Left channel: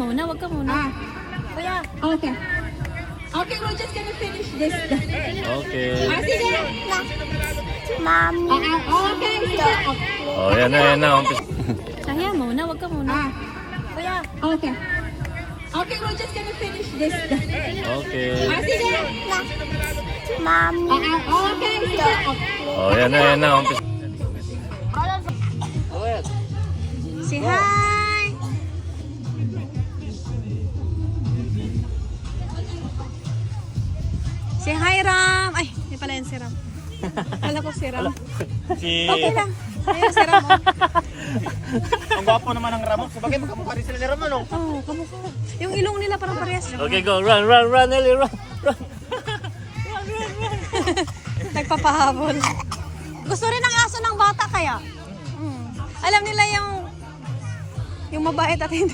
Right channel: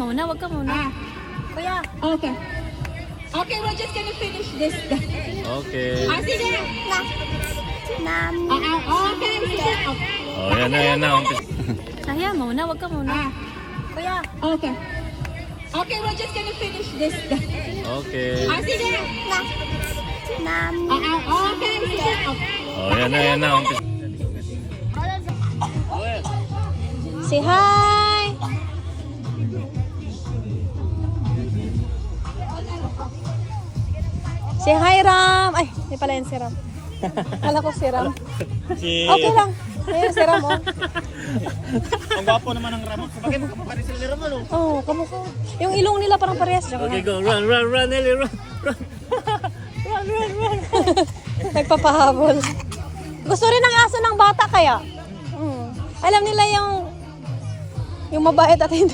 muna, wag ka muna. Kuya. Okay. Okay, we're just gonna finish this. Okay. Sige. Mami. Okay. Oh, yan na. Kaya muna, wag ka muna. Kuya. Okay. Okay, we're just gonna finish this. Okay. Sige. Mami. Okay. Oh, yan na. Say hi. Say hi, Ram. Ay, hindi pala yan si Ram. Kala ko si Ram. Okay lang. Ayun si Ram. Ang gwapo naman ng Ramos. Bakit magkamukha rin sila ni Ramon? Oh, kamukha. Yung ilong nila parang parehas. Okay, go. Run, Ellie, run. Nagpapahabol. Gusto rin ng aso ng bata kaya. Alam nila yung mabait at hindi.